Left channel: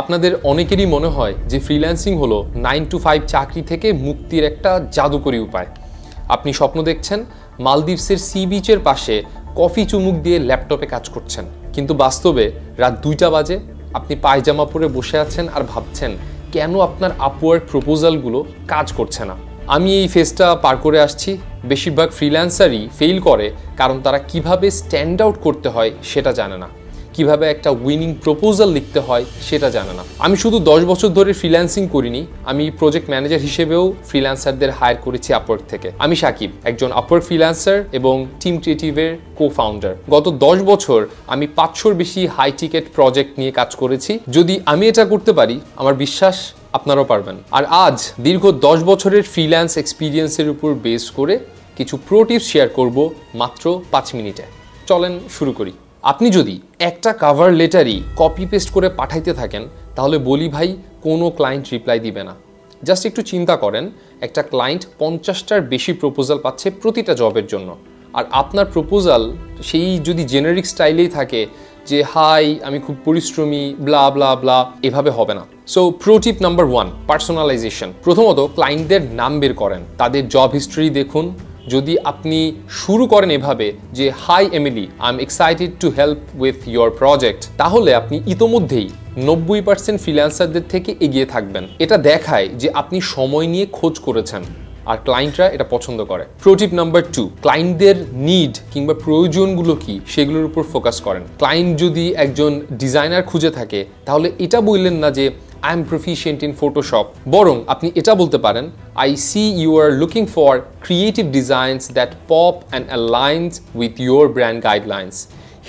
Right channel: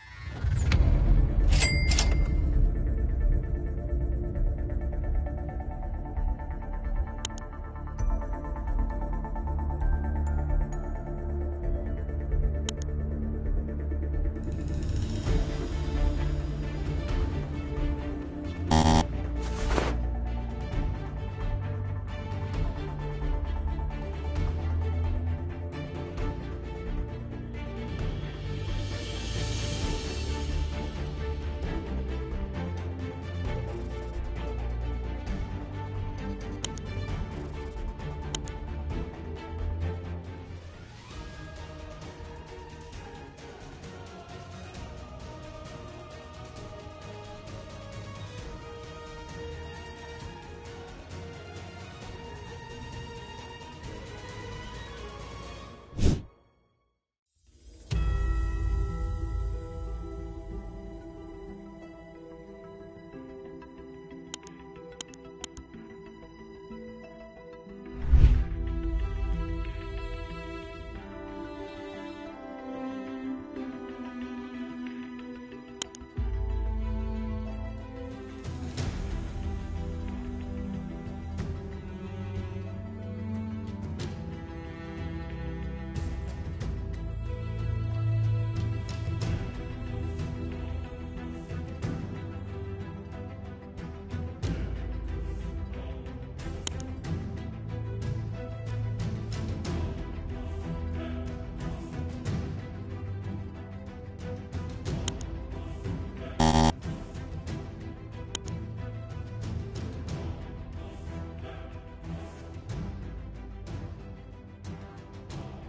আপনাদের অনেকেরই মনে হয় যে ফ্রিল্যান্সিং হলো 9 to 5 চাকরি থেকে মুক্তির একটা জাদুকরী উপায়। আপনি স্বপ্ন দেখছেন মালদ্বীপসের সি বিচের পাশে কফি চুমুক দিয়ে ল্যাপটপে কাজ করছেন, কিন্তু বাস্তবে রাত 2টা বাজে আপনি পায়জামা পরে বসে আছেন আর ভাবছেন কেন আপনার আপওয়ার্ক প্রপোজালগুলো কাজ করছে না। আমি এই ফেজটা পার করে আসছি। বেশিরভাগ ফ্রিল্যান্সারই ফেল করে কারণ তারা কিভাবে স্ট্যান্ড আউট করতে হয় সেটা জানে না, কিভাবে একটা উইনিং প্রপোজাল লিখতে হয় সেটা জানে না। আমি শুধু 10 বছর ধরে ফ্রিল্যান্সিং করিনি, আমি প্রজেক্ট ম্যানেজার হিসেবেও ফ্রিল্যান্সারদের হায়ার করেছি আপওয়ার্ক থেকে। আমি সাকিব, একজন আপওয়ার্ক ফ্রিল্যান্সার এবং টিম ক্রিয়েটিভের কো-ফাউন্ডার। গত 10 বছর আমি 500-র বেশি হাই টিকেট প্রজেক্ট নিয়ে কাজ করেছি। যদি আমি এটা করতে পারি, আমার বিশ্বাস আপনারাও পারবেন। আর আজ দীর্ঘ 10 বছরের ফ্রিল্যান্স এক্সপিরিয়েন্সের উপর বেস করে কিছু প্রো টিপস শেয়ার করব মাত্র 5 মিনিটে। চলেন শুরু করি। আপনি যদি একটা কভার লেটারই কপি পেস্ট করে পাঠাইতে থাকেন তাহলে বলি ভাই কোনো ক্লায়েন্ট রিপ্লাই দিবে না। জাস্ট একটু চিন্তা করেন, একটা ক্লায়েন্ট 50টার বেশি প্রপোজাল পাচ্ছে প্রতিটা জবের জন্য, আর আপনার প্রপোজাল সেই যদি জেনারিক স্টাইলেই থাকে যে হাই আমি খুব পরিশ্রমী ব্লা ব্লা ব্লা, এভাবে হবে না। So pro tip number 1, personalisation. প্রথমত ক্লায়েন্টদের নাম বের করেন, তাদের জব হিস্ট্রি দেখুন। যদি আপনি শুরু করেন এভাবে যে hi Emily, I am excited to help with your project, তাহলে আপনি ইতোমধ্যেই 90% ফ্রিল্যান্সারদের থেকে এগিয়ে থাকবেন। এটা দেখায় যে আপনি সময় নিয়ে খোঁজ করেছেন আর ক্লায়েন্টরা এটা পছন্দ করে। প্রো টিপ নাম্বার 2, ক্লায়েন্টদের নিড কিংবা প্রয়োজনগুলো কি সেগুলোর উপর ফোকাস করেন। ক্লায়েন্ট যদি একজন ডিজাইনার খুঁজে থাকে তাহলে এটা বললেন না যে I am proficient in Photoshop, বরং আপনি এটা বলতে পারেন I see you are looking for creative designs that pop and aligns with your brand guidelines.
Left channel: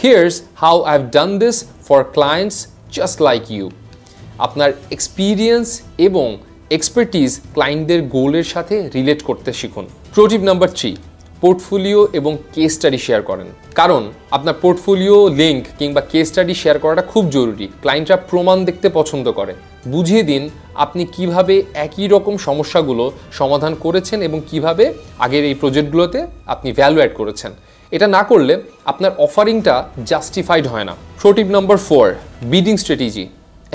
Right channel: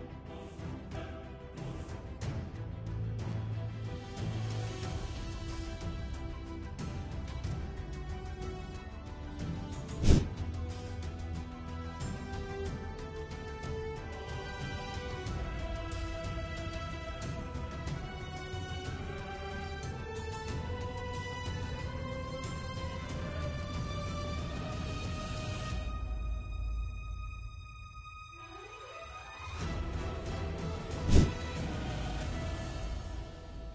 Here's how I've done this for clients just like you. আপনার experience এবং expertise ক্লায়েন্টদের গোলের সাথে রিলেট করতে শিখুন। প্রো টিপ নাম্বার 3, পোর্টফোলিও এবং case study share করেন। কারণ আপনার পোর্টফোলিও লিঙ্ক কিংবা কেস স্টাডি শেয়ার করাটা খুব জরুরি। ক্লায়েন্টরা প্রমাণ দেখতে পছন্দ করে। বুঝিয়ে দিন আপনি কিভাবে একই রকম সমস্যাগুলো সমাধান করেছেন এবং কিভাবে আগের এই প্রজেক্টগুলোতে আপনি ভ্যালু অ্যাড করেছেন। এটা না করলে আপনার অফারিংটা জাস্টিফাইড হয় না। Pro tip number 4, bidding strategy.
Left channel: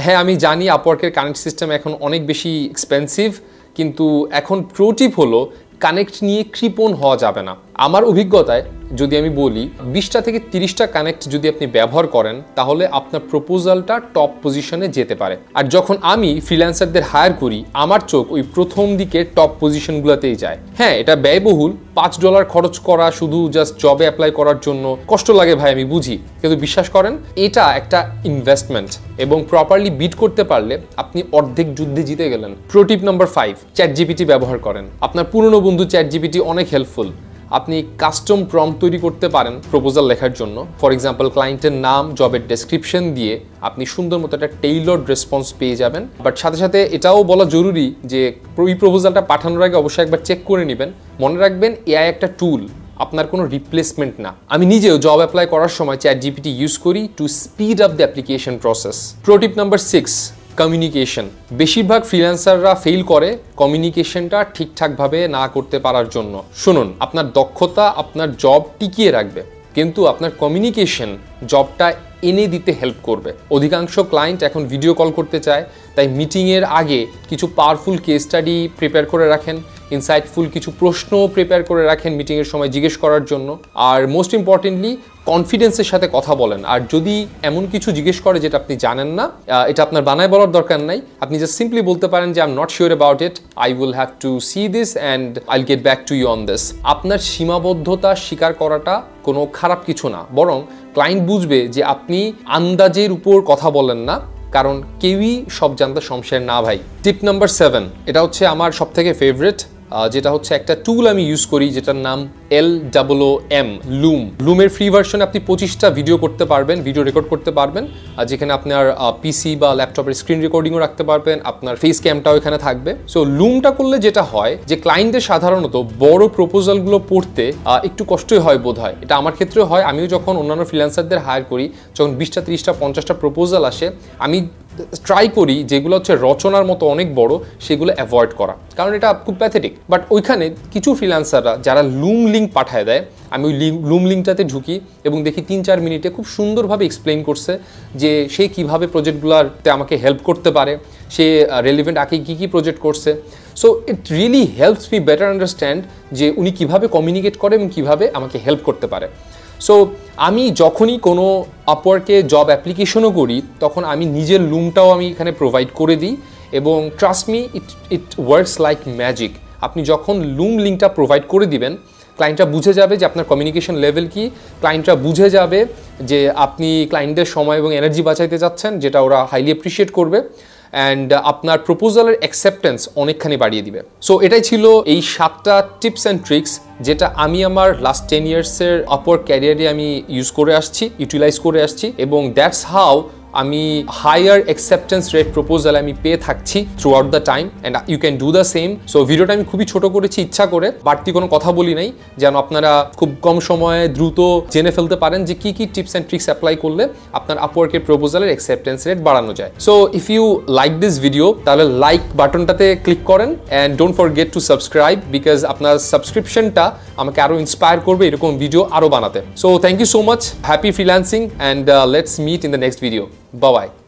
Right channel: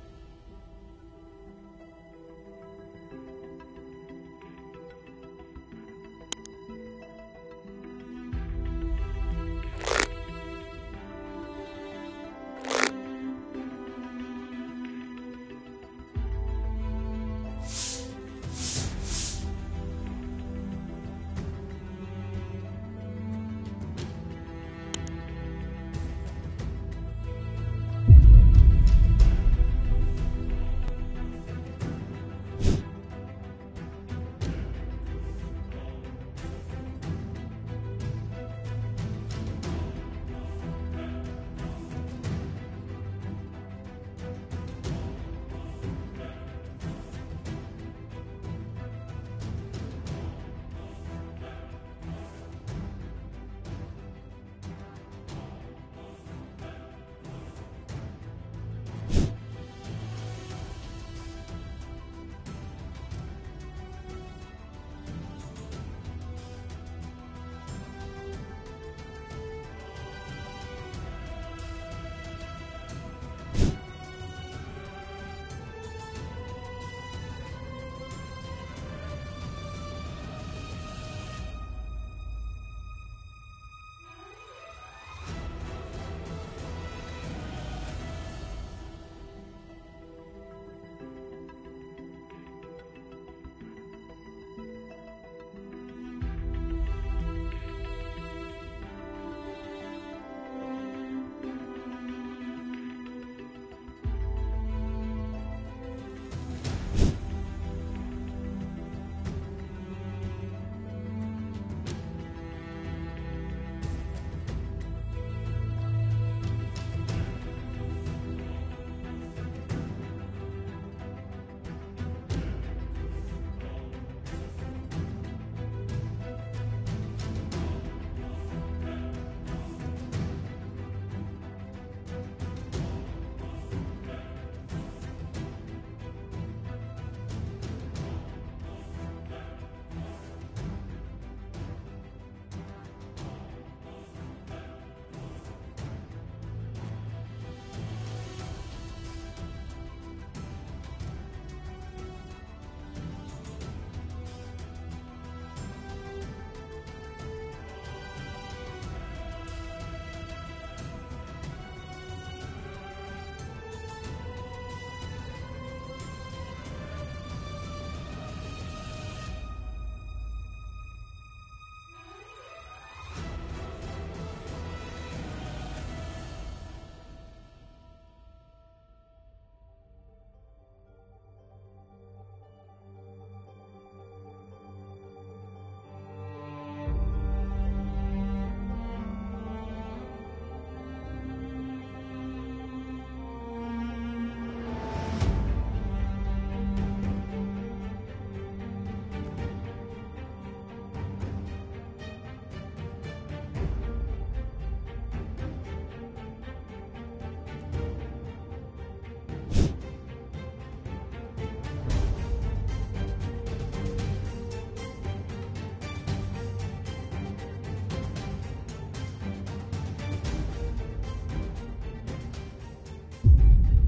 হ্যাঁ, আমি জানি আপওয়ার্কের কানেক্ট সিস্টেম এখন অনেক বেশি এক্সপেন্সিভ, কিন্তু এখন প্রো টিপ হলো কানেক্ট নিয়ে কৃপণ হওয়া যাবে না। আমার অভিজ্ঞতায় যদি আমি বলি 20টা থেকে 30টা কানেক্ট যদি আপনি ব্যবহার করেন তাহলে আপনার প্রপোজালটা টপ পজিশনে যেতে পারে। আর যখন আমি ফ্রিল্যান্সারদের হায়ার করি আমার চোখ ওই প্রথম দিকে টপ পজিশনগুলোতেই যায়। হ্যাঁ, এটা ব্যয়বহুল, $5 খরচ করা শুধু জাস্ট জবে অ্যাপ্লাই করার জন্য কষ্ট লাগে ভাই, আমি বুঝি, কিন্তু বিশ্বাস করেন এটা একটা ইনভেস্টমেন্ট এবং প্রপারলি বিট করতে পারলে আপনি অর্ধেক যুদ্ধে জিতে গেলেন। প্রো টিপ নাম্বার 5, চ্যাটজিপিটি ব্যবহার করেন। আপনার পুরনো বন্ধু চ্যাটজিপিটি অনেক হেল্পফুল। আপনি কাস্টম প্রম্পট তৈরি করতে পারেন প্রপোজাল লেখার জন্য। ফর এক্সাম্পল, ক্লায়েন্টের নাম, জবের ডেসক্রিপশন দিয়ে আপনি সুন্দর মতো একটা টেইলরড রেসপন্স পেয়ে যাবেন। বাট সাথে সাথে এটাও বলা জরুরি যে এই প্রপোজালটা পাঠানোর আগে অবশ্যই একবার চেক করে নেবেন। মনে রাখবেন এআই একটা টুল, আপনার কোনো রিপ্লেসমেন্ট না। আমি নিজেও জব অ্যাপ্লাই করার সময় চ্যাটজিপিটি ইউজ করি to speed up the application process. Pro tip number 6, communication. বেশিরভাগ ফ্রিল্যান্সাররা ফেল করে কমিউনিকেশনটা ঠিকঠাকভাবে না করতে পারার জন্য। শুনুন, আপনার দক্ষতা আপনার জব টিকিয়ে রাখবে, কিন্তু আপনার কমিউনিকেশন জবটা এনে দিতে হেল্প করবে। অধিকাংশ ক্লায়েন্ট এখন ভিডিও কল করতে চায়, তাই মিটিংয়ের আগে কিছু পাওয়ারফুল কেস স্টাডি প্রিপেয়ার করে রাখেন, ইনসাইটফুল কিছু প্রশ্ন প্রিপেয়ার করে রাখেন মিটিংয়ের সময় জিজ্ঞেস করার জন্য। আর মোস্ট ইম্পর্টেন্টলি কনফিডেন্সের সাথে কথা বলেন। আর যদি এমন কিছু জিজ্ঞেস করে যেটা আপনি জানেন না, এটা আপনার বানায় বলার দরকার নাই, আপনি জাস্ট সিম্পলি বলতে পারেন যে I am not sure about it, I will have to see this and I will get back to you on this. আপনার সীমাবদ্ধতা স্বীকার করাটা কোনো খারাপ কিছু না, বরং ক্লায়েন্ট বুঝবে যে আপনি আন্দাজের উপর কথা বলেন না, কারণ কেউই সব জানতে শমশের না ভাই। টিপ নাম্বার 7, এটা হচ্ছে আমার সবথেকে ফেভারিট, যেটা হচ্ছে একটা টুল আমি ইউজ করি যেটার নাম LOOM, লুমের ফ্রি ভার্সনে আপনি 25টা ভিডিও করতে পারবেন, ভিডিও রেকর্ড করতে পারবেন, যেখানে আপনার পিসি বা ল্যাপটপের স্ক্রিন রেকর্ডিংও রাখতে পারবেন, আপনার ফেস ক্যামটাও এখানে থাকবে। সো লুমটা করলে যেটা হয় যে ক্লায়েন্টদের সাধারণত বড় প্রপোজালগুলো পড়তে একটু কষ্টই হয় বোধ হয়। এটা আমার ক্ষেত্রেও হয়। আমিও যখন অন্যান্য ফ্রিল্যান্সারদের হায়ার করি, যখন 20টা 30টা 50টা প্রপোজাল আসে, আমি ট্রাই করি যেগুলো হচ্ছে রচনার মতো অনেক বড় সেগুলো অ্যাভয়েড করা, কারণ এটা খুব প্যাথেটিক। বাট ওইখানে কিছু ফ্রিল্যান্সাররা যারা লুম লিঙ্ক পাঠায় দেয়, আমি ওই লুম লিঙ্কটাতে ঢুকি এবং দেখি 3-4 মিনিটে খুব সুন্দরভাবে এক্সপ্লেইন করছে যে সে কীভাবে প্রজেক্টগুলোতে আমাকে হেল্প করতে পারে, সে রেলিভেন্ট আগে কী প্রজেক্ট করছে। So it really helps me better understand যে উনি কীভাবে কমিউনিকেট করে এবং কীভাবে আমাকে হেল্প করতে পারে। সো আমি যখনই কোনো আপওয়ার্কে জব অ্যাপ্লিকেশনও করি তখন আমি নিজের লুমটাও আমি এখানে প্রোভাইড করে দিই এবং trust me it works like magic. আপনি যখন লুম লিঙ্কটা প্রোভাইড করে দিবেন, ক্লায়েন্টরা বুঝে যাবে যে আপনার কমিউনিকেশন লেভেল কি, ক্লায়েন্টরা বুঝে যাবে যে আপনি ক্লায়েন্টের সময় এবং এনার্জি বাঁচাইতে যাচ্ছেন, যেটা ওরা হাইলি অ্যাপ্রিসিয়েট করবে অ্যান্ড আপনার প্রপোজালের অ্যাকসেপ্টেন্স অনেকখানি বাড়িয়ে দিবে। সো এটাই ছিল এই 7টা টিপস অ্যান্ড ট্রিক্স যেটা আমি আমার লাস্ট 10 ইয়ার্সের আপওয়ার্ক ক্যারিয়ারে আমি ইউটিলাইজ করে আসছি এবং দ্যাটস হাউ আমি হায়ার অ্যাকসেপ্টেন্স রেট প্রপোজাল আমি পেয়ে থাকছি throughout the time and you can do the same. So ভিডিওটা আমি খুবই ছোট করেছি ইচ্ছা করে, বাড়তি কোনো কথা বলি নাই, যেন আপনারা খুব কম সময়ে দ্রুত জেনে ফেলতে পারেন যে কী কী টিপস অ্যান্ড ট্রিক্স অ্যাপ্লাই করলে আপনার আপওয়ার্কের প্রপোজালের অ্যাকসেপ্টেন্স রেট বাড়ানো যায়। So if you like this video তাহলে লাইক বাটনটাতে ক্লিক করেন and don't forget to subscribe, because আপনার সাবস্ক্রিপশনটা আমাকে আরও ইন্সপায়ার করবে এরকম ভিডিও আরও বানাতে। So thank you so much, happy freelancing and let's meet in the next video. Bye-bye.